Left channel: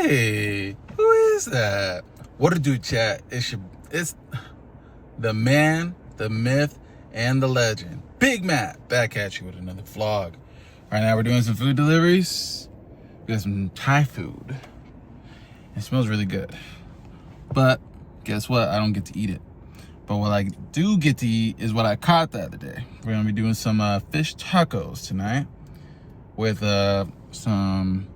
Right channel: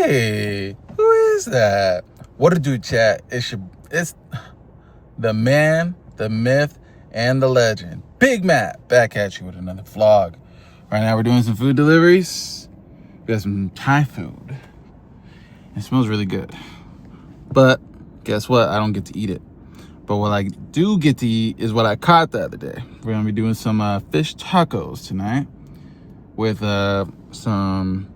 Hey, who is that? What to do, chat? It's the man, the myth, and the legend. Big Matt back at you with another vlog. Right now we're doing some food deliveries. We got some Thai food. It smells really good. But guess what? I don't get to eat it. But what I do get to eat is what I caught the other day. We're gonna be doing some fish tacos tonight with some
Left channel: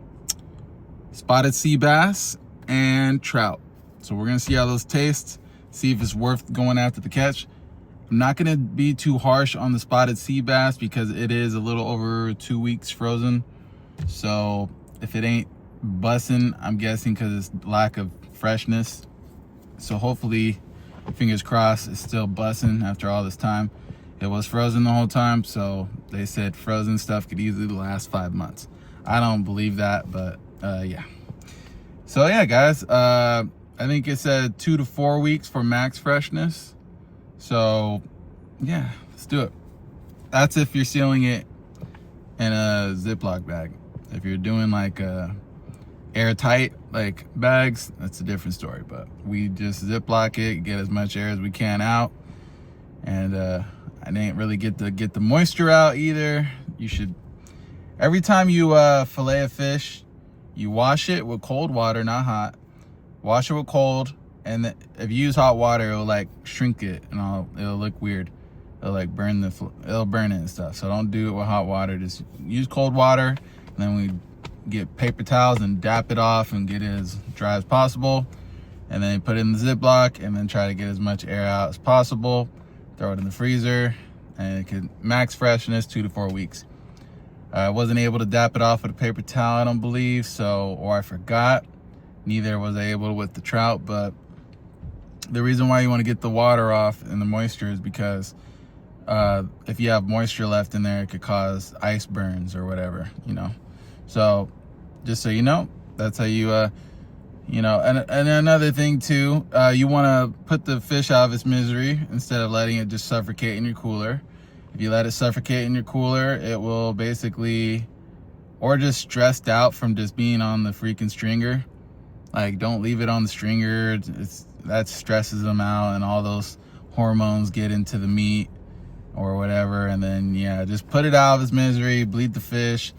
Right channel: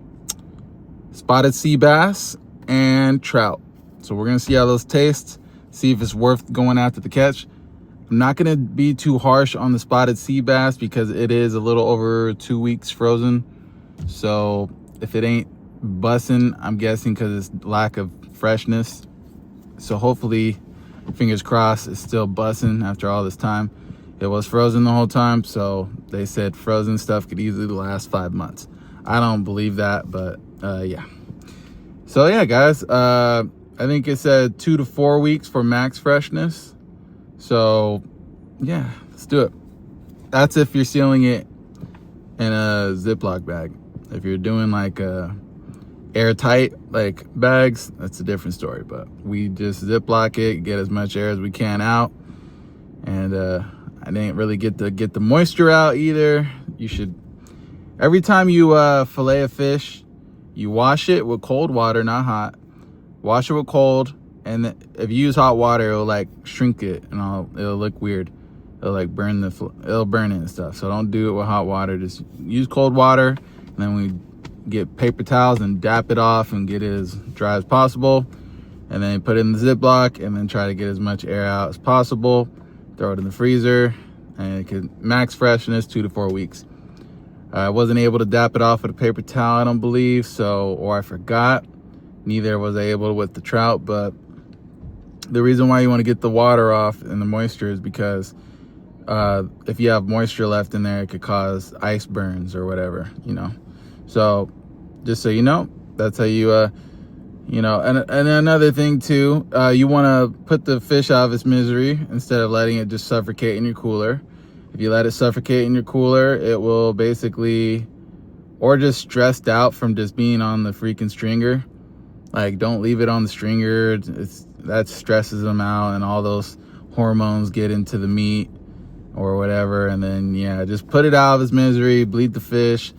spotted sea bass and trout. So we're gonna see how those taste, see if it's worth going after the catch. I'm not gonna be too harsh on the spotted sea bass because it is a little over 2 weeks frozen. So if it ain't bussin', I'm guessing because it's lack of freshness. So hopefully, fingers crossed, it's still bussin' after all this time. It was frozen the whole time, so they said frozen stuff could easily last 5 months. I don't believe that, but yeah. So yeah, guys, I think it said 2 to 4 weeks for max freshness. So yeah, let's do it. That's if you're sealing it in a Ziploc bag. If you're doing like airtight like bags, that's a different story. But we just Ziploc it, get as much air as we can out. And I didn't really get the moisture out either. You should, every time you fillet a fish, you wash it with cold water, not hot. Wash it with cold, and if you use hot water, it'll like shrink it and it'll look weird. It'll like it'll burn it and stuff. So don't do it with hot water. Just use cold water, and then we get paper towels and dap it off and get it as dry as possible. And then put it in the Ziploc, and then try to get as much air out as possible. Throw it in the freezer, and it could max freshness 2 to 4 weeks. I wasn't able to dap it off with a paper towel, I don't believe, or I forgot. Neither was I able with the trout, but the reason why you want to get the water off and the moisture is because if you have moisture left in there, it could cause ice burns or whatever, you know. So just so you know, that's how you, you know, and another thing too, you want to put the fish out of its misery instead of letting it just suffocate in your cooler. If you let it suffocate in your cooler, it will basically, or just stressed out from just being on the freaking stringer. Like, don't leave it on the stringer. That stresses them out, and all those hormones get into the meat or whatever. And then, yeah, just put it out of its misery, bleed the fish,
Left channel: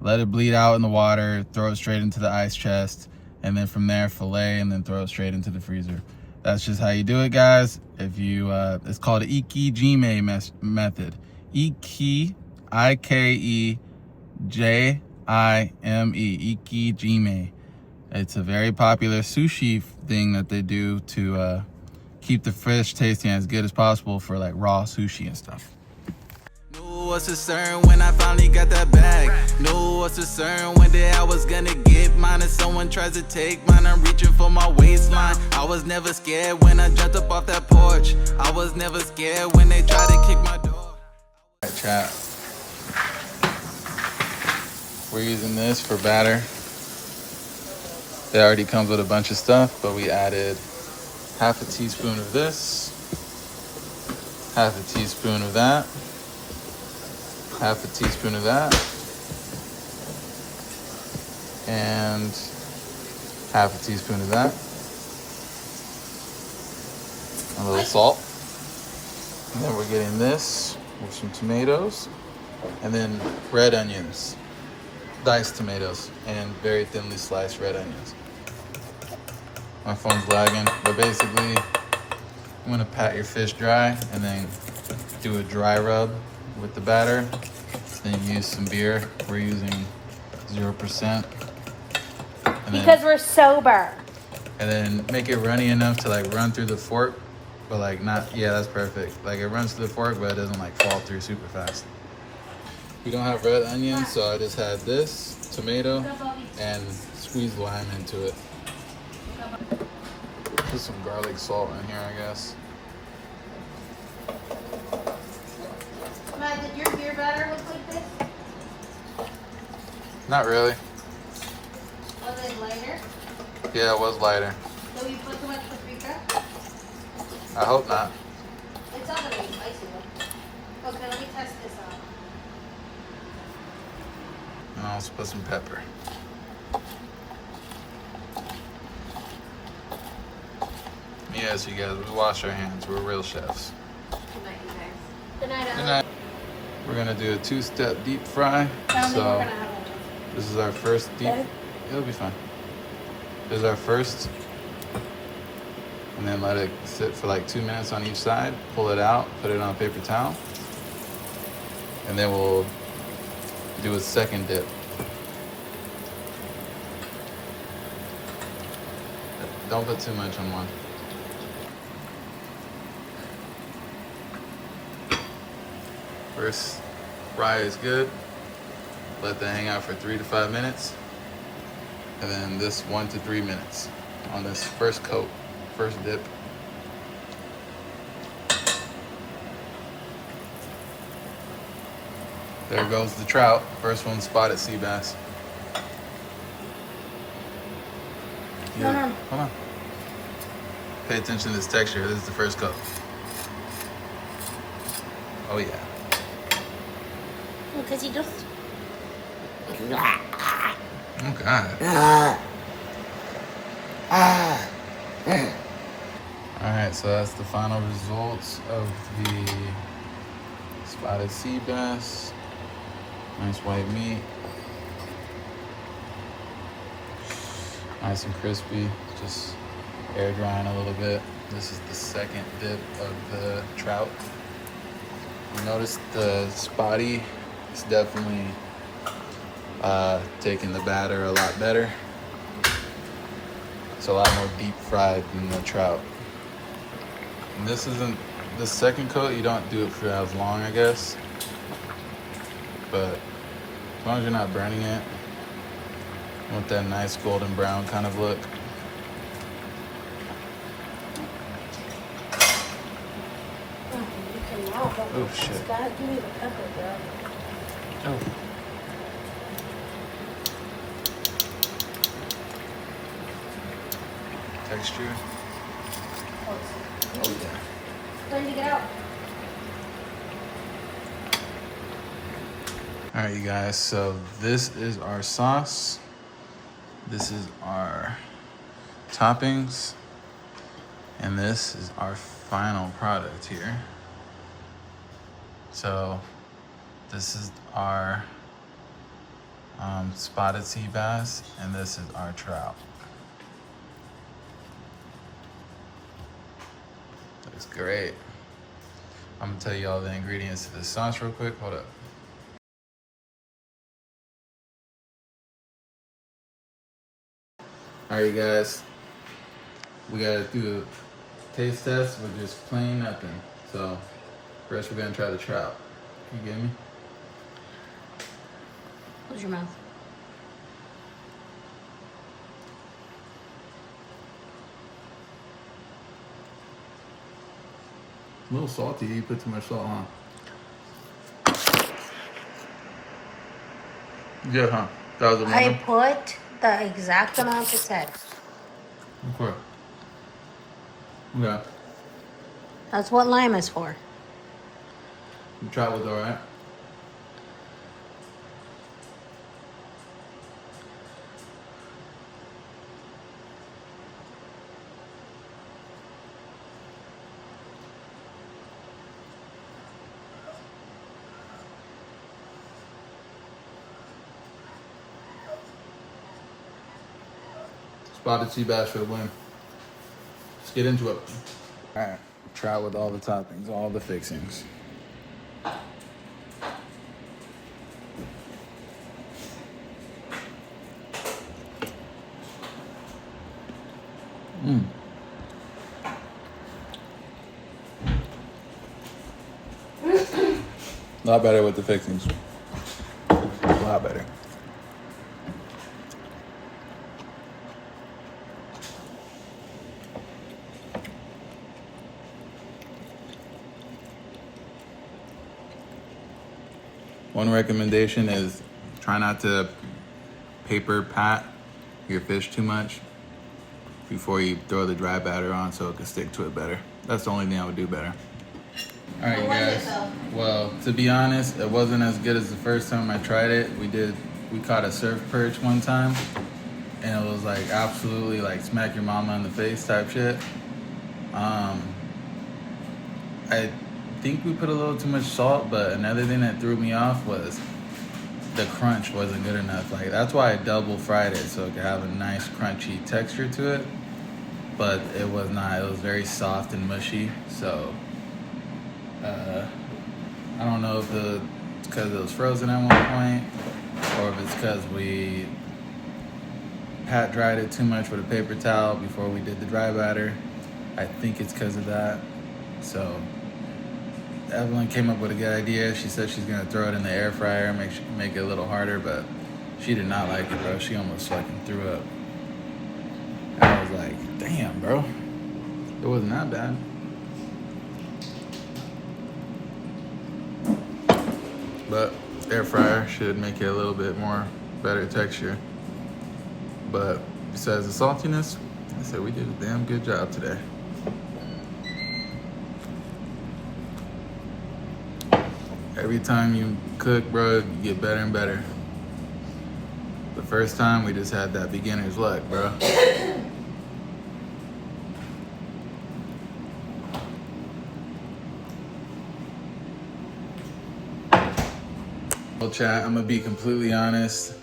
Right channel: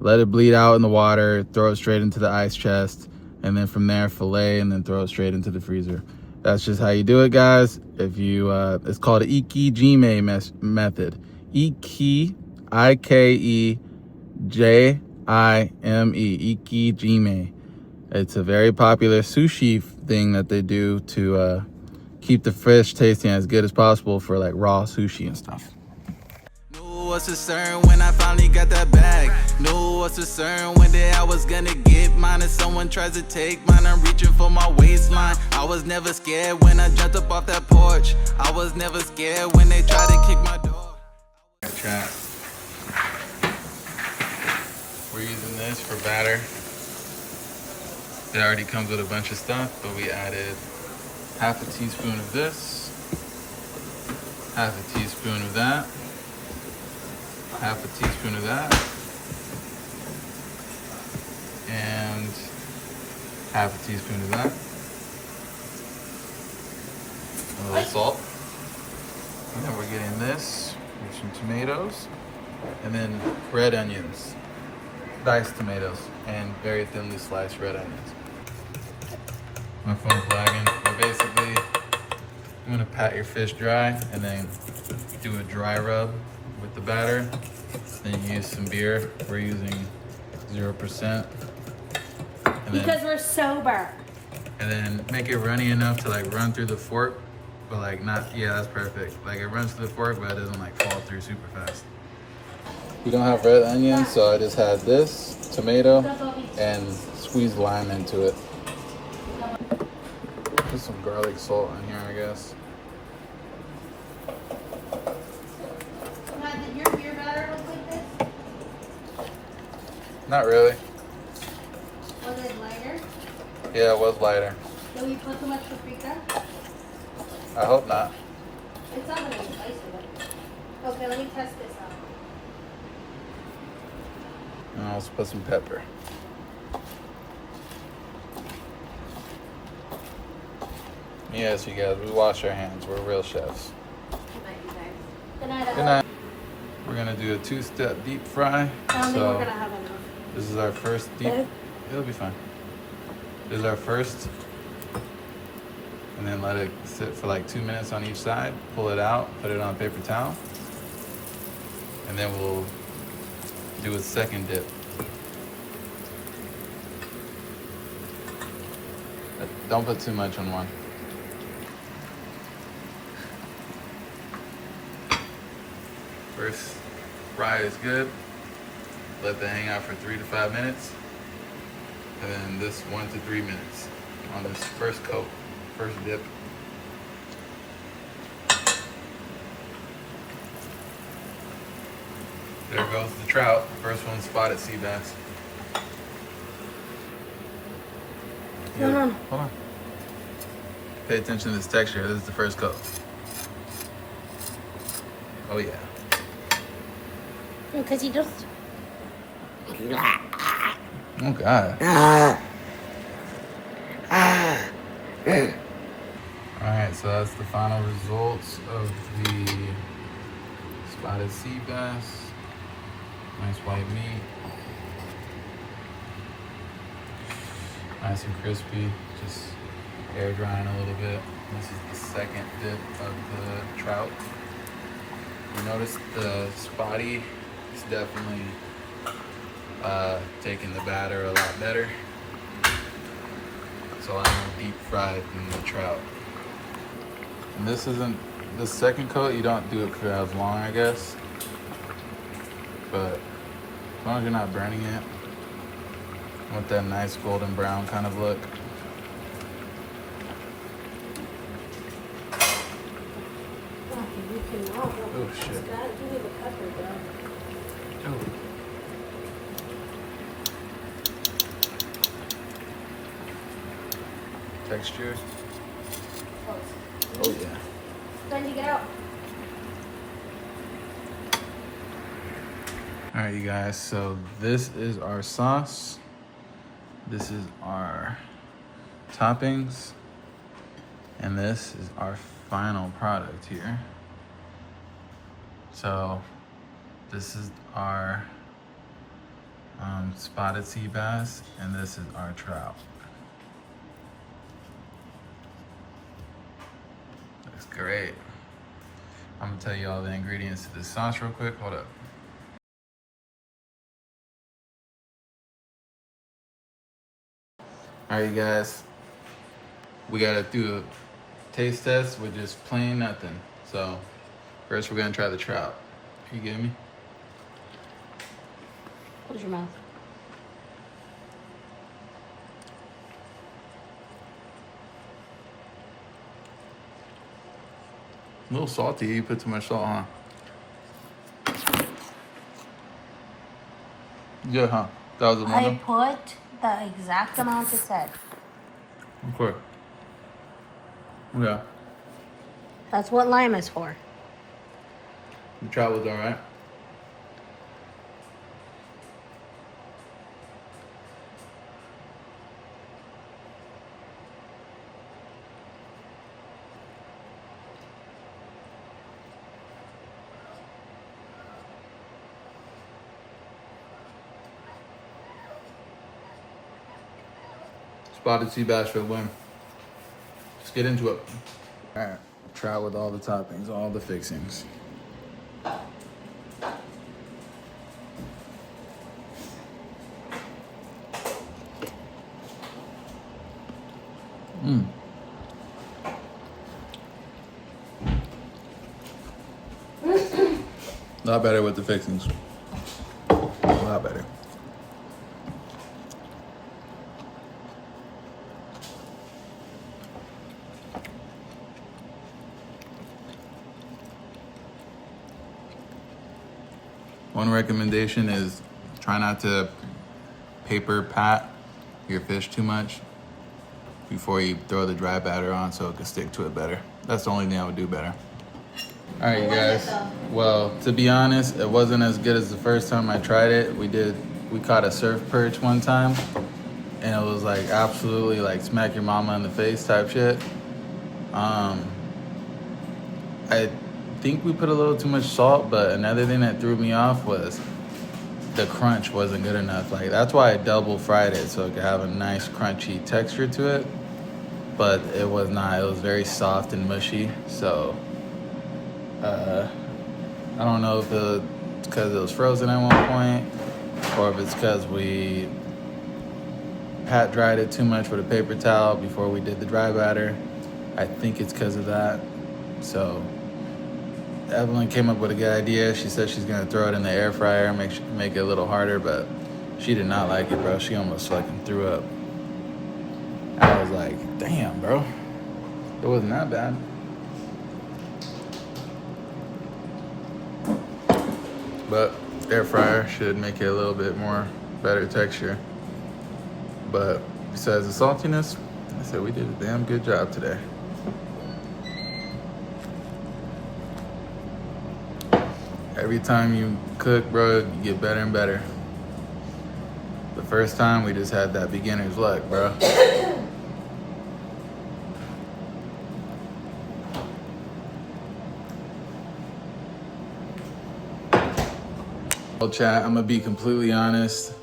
let it bleed out in the water, throw it straight into the ice chest, and then from there, fillet, and then throw it straight into the freezer. That's just how you do it, guys. If you, it's called an Ikejime method. Ikejime. Ikejime. It's a very popular sushi thing that they do to keep the fish tasting as good as possible for like raw sushi and stuff. Knew what's concern when I finally got that bag. Knew what's concern when I was gonna get mine, and someone tries to take mine. I'm reaching for my waistline. I was never scared when I jumped up off that porch. I was never scared when they tried to kick my door. Alright, chat. We're using this for batter. It already comes with a bunch of stuff, but we added half a teaspoon of this, half a teaspoon of that, half a teaspoon of that, and half a teaspoon of that. A little salt. And then we're getting this with some tomatoes, and then red onions, diced tomatoes, and very thinly sliced red onions. My phone's lagging, but basically, I'm gonna pat your fish dry and then do a dry rub with the batter. Then use some beer. We're using 0%. Because we're sober. And then make it runny enough to like run through the fork, but like not, yeah, that's perfect. Like it runs through the fork, but it doesn't like fall through super fast. We don't have red onions, so I just had this, tomato, and squeezed lime into it. Put some garlic salt in here, I guess. Matt, did your beer batter look like this? Not really. Was it lighter? Yeah, it was lighter. Did we put too much paprika? I hope not. It sounds like it's spicy. Okay, let me test this out. And I'll also put some pepper. Yes, you guys, we wash our hands. We're real chefs. Good night, you guys. Good night, Good everyone. night. We're gonna do a 2-step deep fry. Tell me So we're gonna have one. this is our first deep. It'll be fine. This is our first, and then let it sit for like 2 minutes on each side. Pull it out, put it on a paper towel, and then we'll do a second dip. Don't put too much on one. First fry is good. Let that hang out for 3 to 5 minutes. And then this 1 to 3 minutes on this first coat, first dip. There goes the trout. First one, spotted sea bass. Hold on. Hold on. Pay attention to this texture. This is the first coat. Oh yeah. Because he just. Oh God. Alright, so that's the final results of the spotted sea bass. Nice white meat. Nice and crispy. Just air drying a little bit. This is the second dip of the trout. You notice the spotty is definitely taking the batter a lot better. It's a lot more deep fried than the trout. And this isn't, the second coat, you don't do it for as long, I guess. But as long as you're not burning it, you want that nice golden brown kind of look. Oh shit. Give me the pepper, girl. Oh. Texture. Oh yeah. When did you get out? All right, you guys, so this is our sauce. This is our toppings. And this is our final product here. So this is our spotted sea bass, and this is our trout. Looks great. I'm gonna tell you all the ingredients to this sauce real quick. Hold up. All right, you guys, we gotta do a taste test with just plain nothing. So first we're gonna try the trout. You get me? Close your mouth. A little salty. You put too much salt, huh? Yeah, huh? That was a I lemon? put the exact amount it said. Of course. Yeah. That's what lime is for. The trout was alright. Spotted sea bass for the win. Let's get into it. Alright, trout with all the toppings, all the fixings. Mmm. A lot better with the fixings. A lot better. One recommendation is try not to paper pat your fish too much before you throw the dry batter on so it can stick to it better. That's the only thing I would do better. All right, you guys. Well, to be honest, it wasn't as good as the first time I tried it. We caught a surf perch one time, and it was like absolutely like smack your mama in the face type shit. I think we put a little too much salt, but another thing that threw me off was the crunch wasn't good enough. Like, that's why I double fried it, so it could have a nice crunchy texture to it. But it was not. It was very soft and mushy. So I don't know if it's because it was frozen at one point, or if it's because we pat dried it too much with a paper towel before we did the dry batter. I think it's because of that. So Evelyn came up with a good idea. She said she's gonna throw it in the air fryer, make it a little harder, but she did not like it, bro. She almost fucking threw up. I was like, damn, bro. It wasn't that bad. But air fryer should make it a little bit more better texture. But besides the saltiness, I said we did a damn good job today. Every time you cook, bro, you get better and better. The first time, we just had that beginner's luck, bro. Well, chat, I'm gonna be completely honest.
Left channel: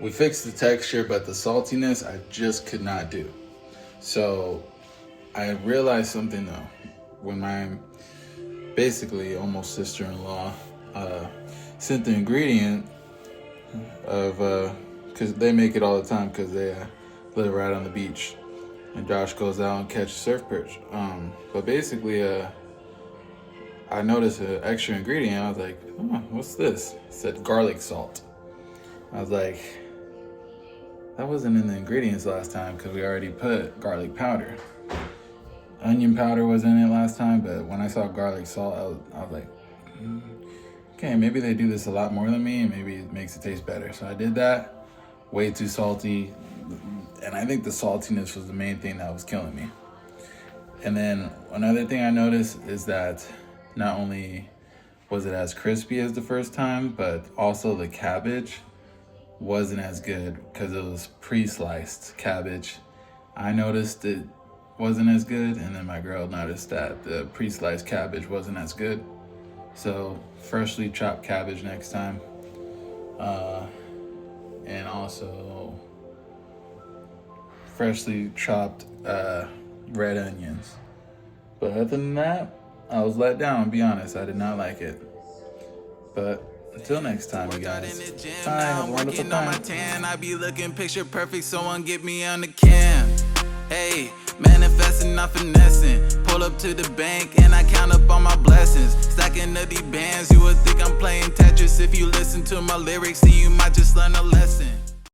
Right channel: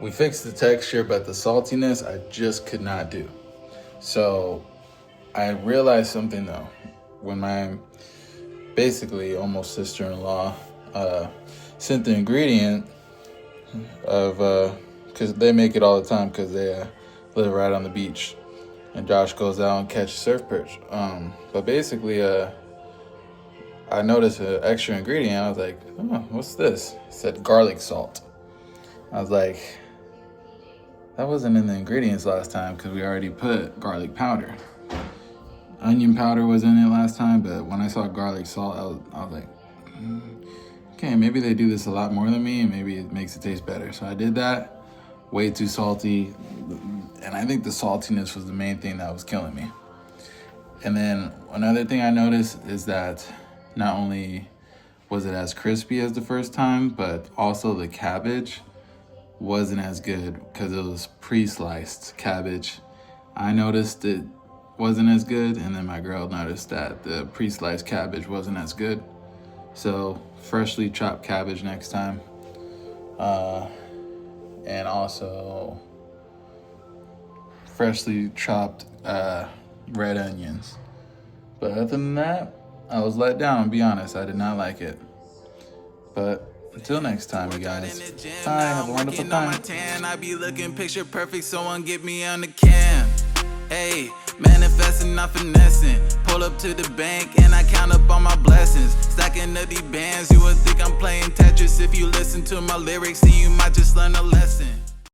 We fixed the texture, but the saltiness, I just could not do. So I realized something though. When my basically almost sister-in-law sent the ingredient of, cause they make it all the time cause they live right on the beach and Josh goes out and catches surf perch. But basically, I noticed an extra ingredient. I was like, oh, what's this? It said garlic salt. I was like, that wasn't in the ingredients last time because we already put garlic powder. Onion powder was in it last time, but when I saw garlic salt, I was like, okay, maybe they do this a lot more than me and maybe it makes it taste better. So I did that. Way too salty. And I think the saltiness was the main thing that was killing me. And then another thing I noticed is that not only was it as crispy as the first time, but also the cabbage wasn't as good because it was pre-sliced cabbage. I noticed it wasn't as good, and then my girl noticed that the pre-sliced cabbage wasn't as good. So freshly chopped cabbage next time. And also freshly chopped red onions. But other than that, I was let down, I'll be honest. I did not like it. But until next time, you guys. Bye, have a wonderful time. I be looking picture perfect, someone get me on the cam. Hey, manifesting, not finessing. Pull up to the bank and I count up all my blessings. Stacking up these bands, you would think I'm playing Tetris. If you listen to my lyrics, then you might just learn a lesson.